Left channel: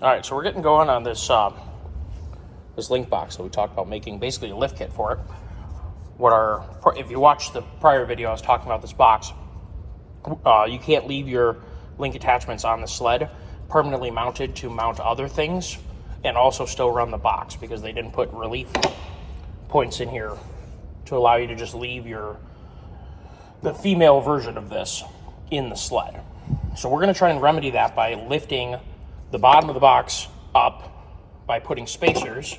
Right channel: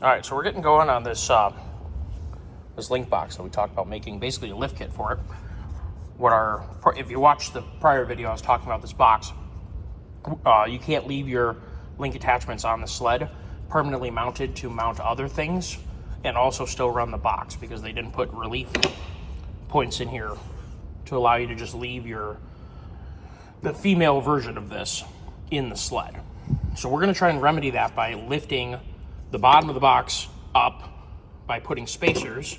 All right, so we're getting going on this this Linq box that we talked about making, basically a lift kit for it. If you watched the prior video, I was talking about this box. You can't leave your Linq attachments on the sled permanently mounted to mount other things and also still run the box, because they didn't put relief points in here to allow you to just leave the female version of this in the sled. So we're going to try and remedy that by lifting the bottom of the box up by putting spacers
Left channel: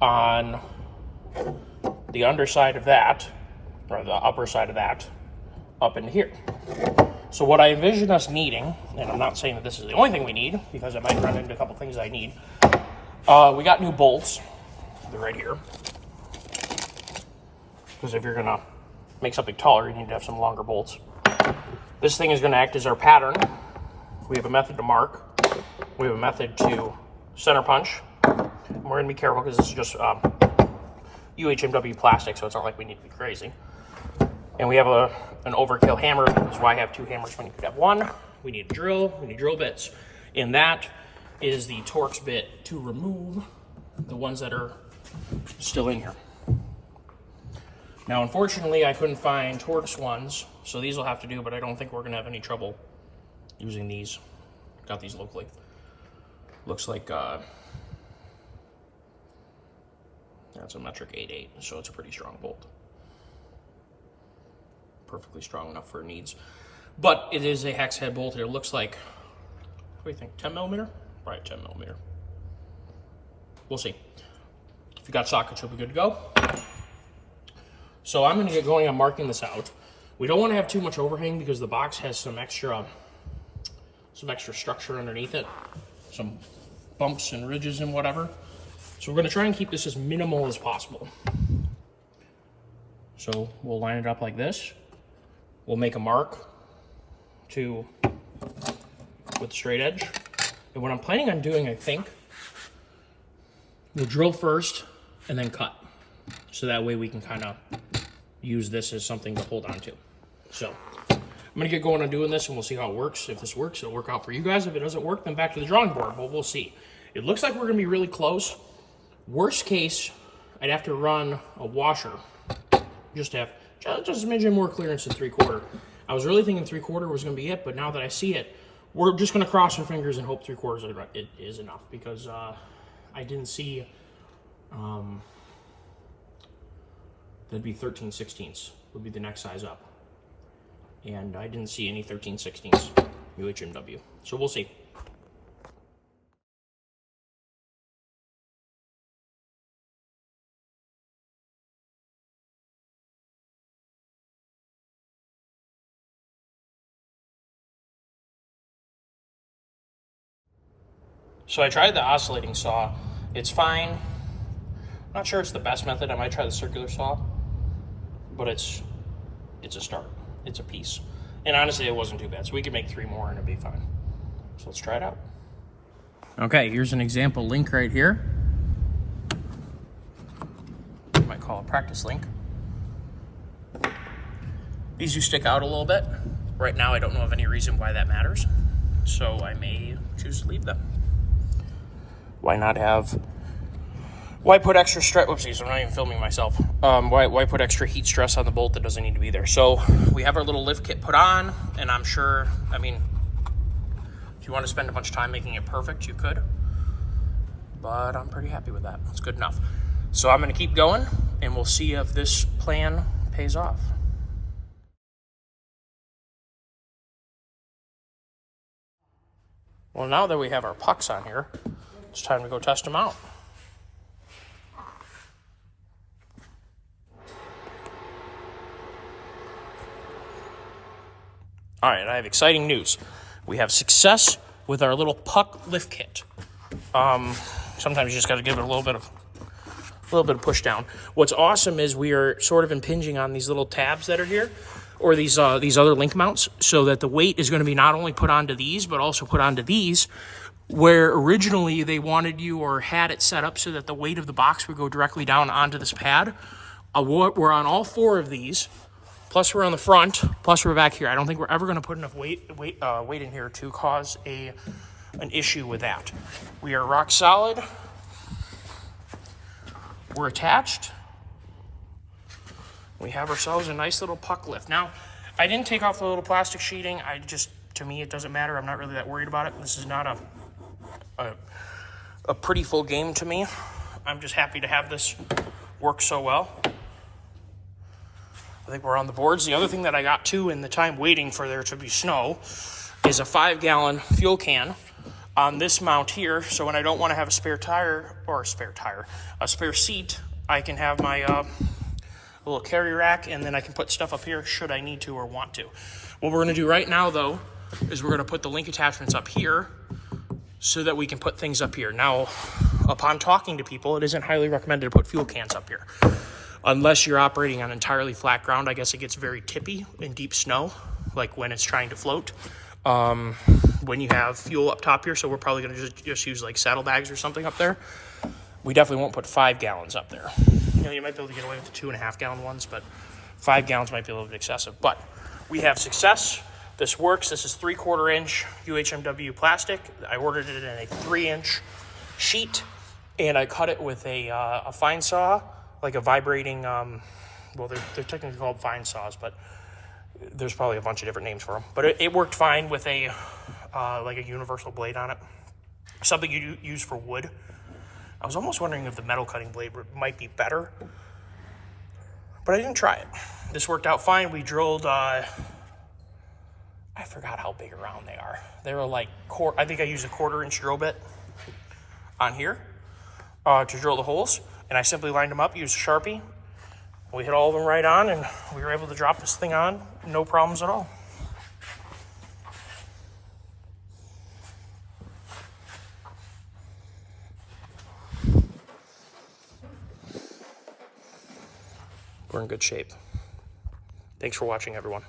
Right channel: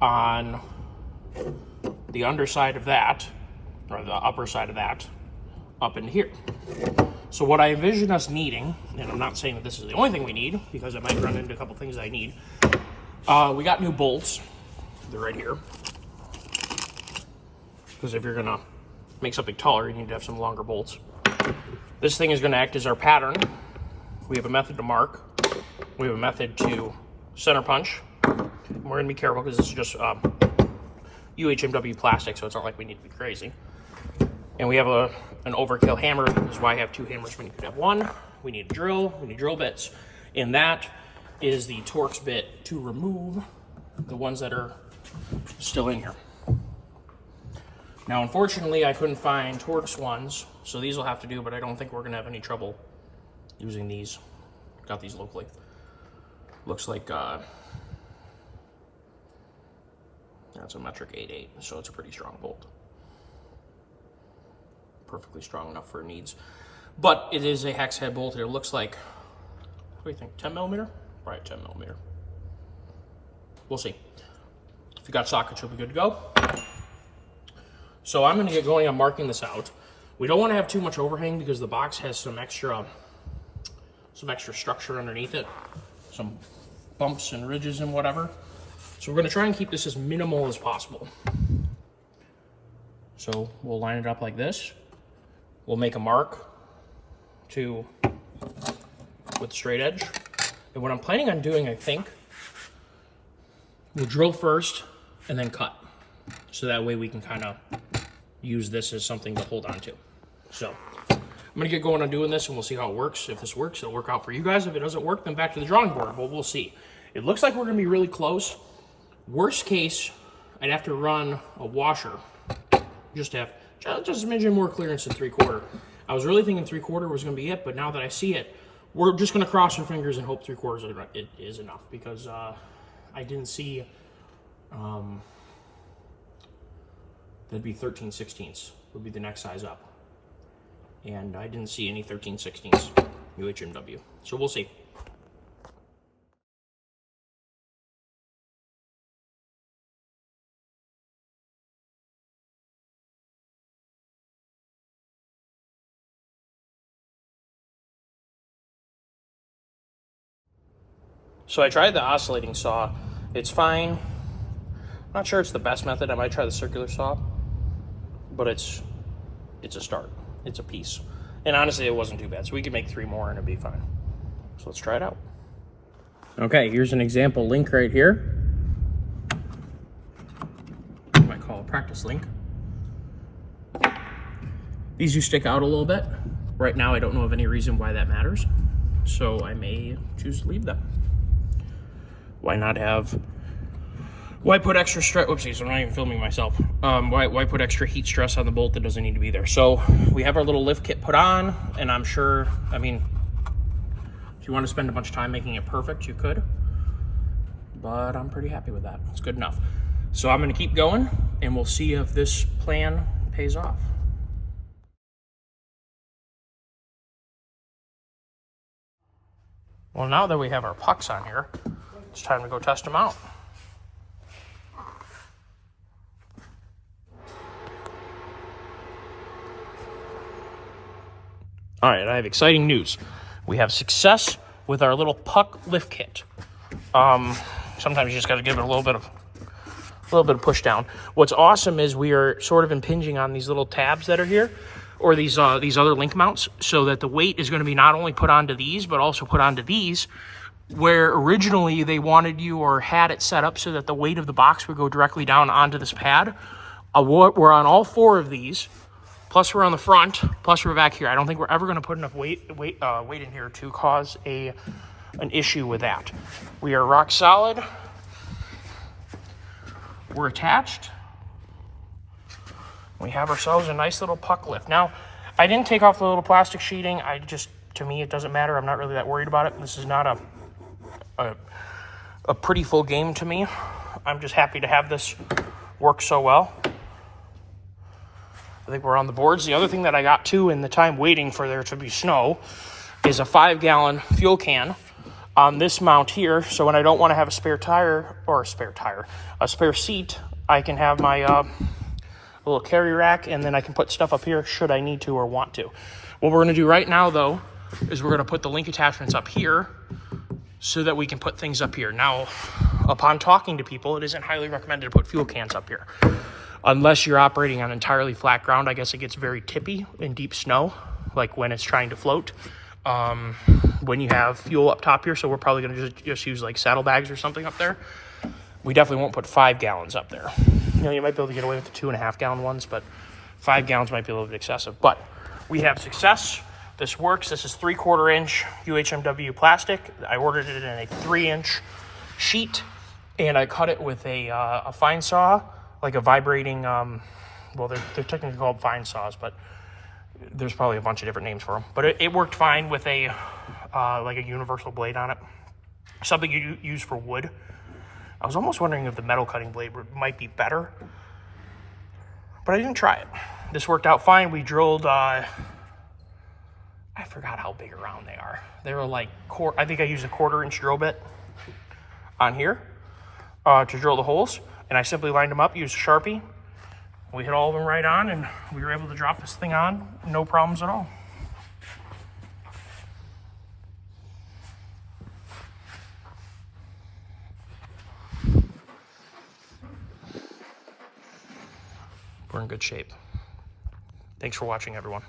on the underside of that, or the upper side of that, up into here. So what I envision us needing, and I'm not saying that this is the only thing we need, because I might run into a couple things I need. We got new bolts. They're right here. Because if you're gonna make something taller, you need to have some longer bolts. This thing is gonna act as our pattern. We have a method to mark. We have a method to center punch. And we're gonna be careful because this is just uhmw plastic, so it's not like we need to be crazy. And we have an overkill hammer. That's why I have two hammers when you could have one. We need a drill, we need drill bits. And that is the Torx bit to remove the ones that are still in here. Now, unfortunately, I couldn't find Torx ones, so these will have to do, but I don't think we're gonna have any trouble using these. Got these locally. Looks like that's a metric 8.8, so it's a pretty strong bolt. Perfectly strong enough for needs. But it is a hex head bolt. It looks like, what do you think, 10 millimeter? Right, 10 millimeter. We'll see. If you got sockets, you'll be good to go. So I'm gonna get going on marking this out. We don't wanna have too much overhang because the box has some extra structure underneath it, some bumps and ridges and whatever. So we're gonna try and keep this as minimal as possible. So we'll line it up like this. We'll make a mark with the straight edge. And what I'm planning on doing, I think, we'll drill first and then cut. So that way we can kind of use this as something to hold on to. So I'm gonna get going on doing this and we'll see how it works. If this works, it'll work out for you guys. If it doesn't work, then back to the drawing board, but we'll see. It looks like we're gonna be really close. Worst case, I'd have to run a washer just to have just a smidgen more clearance than 3/4. I was really thinking 3/4 was gonna be it, but now that I see it, we're just gonna cross our fingers and hope 3/4 is enough, because I didn't see, that'd be 13/16 would be the next size up. And I didn't see any 13/16 uhmw, so we'll see. So I tried the oscillating saw. It's fine. I'm not sure it's the best method. I might try the circular saw, but it's a start. It's a piece. And honestly, it wasn't too bad. So we could make 3 more and it'd be fine. So let's try it out. Okay, here's an example Linq right here. I might call it practice Linq. These do stick out a little bit. Right now, I don't know of any reason why that matters. So I may choose to leave them. Why put extra stress? Oopsies, I'm not even filming myself. Why put extra heat stress on the bolt that doesn't need to be there? So we have our little lift kit put on, and I'm sure, I mean, if you want to spend a bunch of time making it perfect, you could, but I'm pretty happy with that. It's good enough. So I'm gonna keep going, and we'll see if this plan pays off. Well, now that we have our pucks on here, it's time to go test them out. All right, I have exciting news. We have success with our little puck lift kit. Sometimes you just got to give it a little bit of push down. What's awesome is we are sort of impinging on these little tabs that are here, or these other Linq mounts, so that the weight is going to be not only put onto these, but also put onto these, where originally they wanted you or had it set up so that the weight of the box would go directly down onto this pad. We're on all 4 of these, plus we're on the front, plus we're back here. I don't think we're ever going to put enough weight in here to cause a an issue with that. We are rock solid. We're attached. We have ourselves a nice little puck lift. Now, I didn't take off the little plastic sheeting. To me, it doesn't matter. I'm not really that worried about it. This is not a pretty full game to me. I'm just happy to have this work so well. I think we're on the boards. The other thing that I got too in the time waiting for there to be snow is a 5-gallon fuel can on this mount here. So when I don't want to have a spare seat, I can have my little carry rack, and then I can put stuff up here should I need to or want to. What we're going to do right now, though, is we're going to put the Linq attachments up here so that we can put things up here. Now, upon talking to people, it isn't highly recommended to put fuel cans up here. Unless you're operating on entirely flat ground. I guess it gets very tippy in deep snow, like when it's trying to float. When you have fuel up top here, so we're probably going to just use like saddlebags or something up there. We definitely won't put 5 gallons up there. You know, you might be able to get away with the 2.5-gallon ones, but 5 gallons might be a little bit excessive. But we have success. This works. This is 3/4 inch uhmw plastic. I ordered it in a 3-inch sheet, and I cut it with a fine saw, like a vibrating, well, they're technically called fine saws, but there's probably a bunch of different names for them. But it worked fine with a like a universal blade on it, something you use for wood. I was almost wondering if the metal cutting blade might be better, but I didn't try it. This worked out fine. We drilled, I forgot how big around they are. They were like, I think I used a 1/4 inch drill bit on here to drill the holes, and I simply lined them up, used a Sharpie. We hit all of them right on, and we were able to drop this thing on, no problems at all. We're in good shape. Thanks for watching, everyone.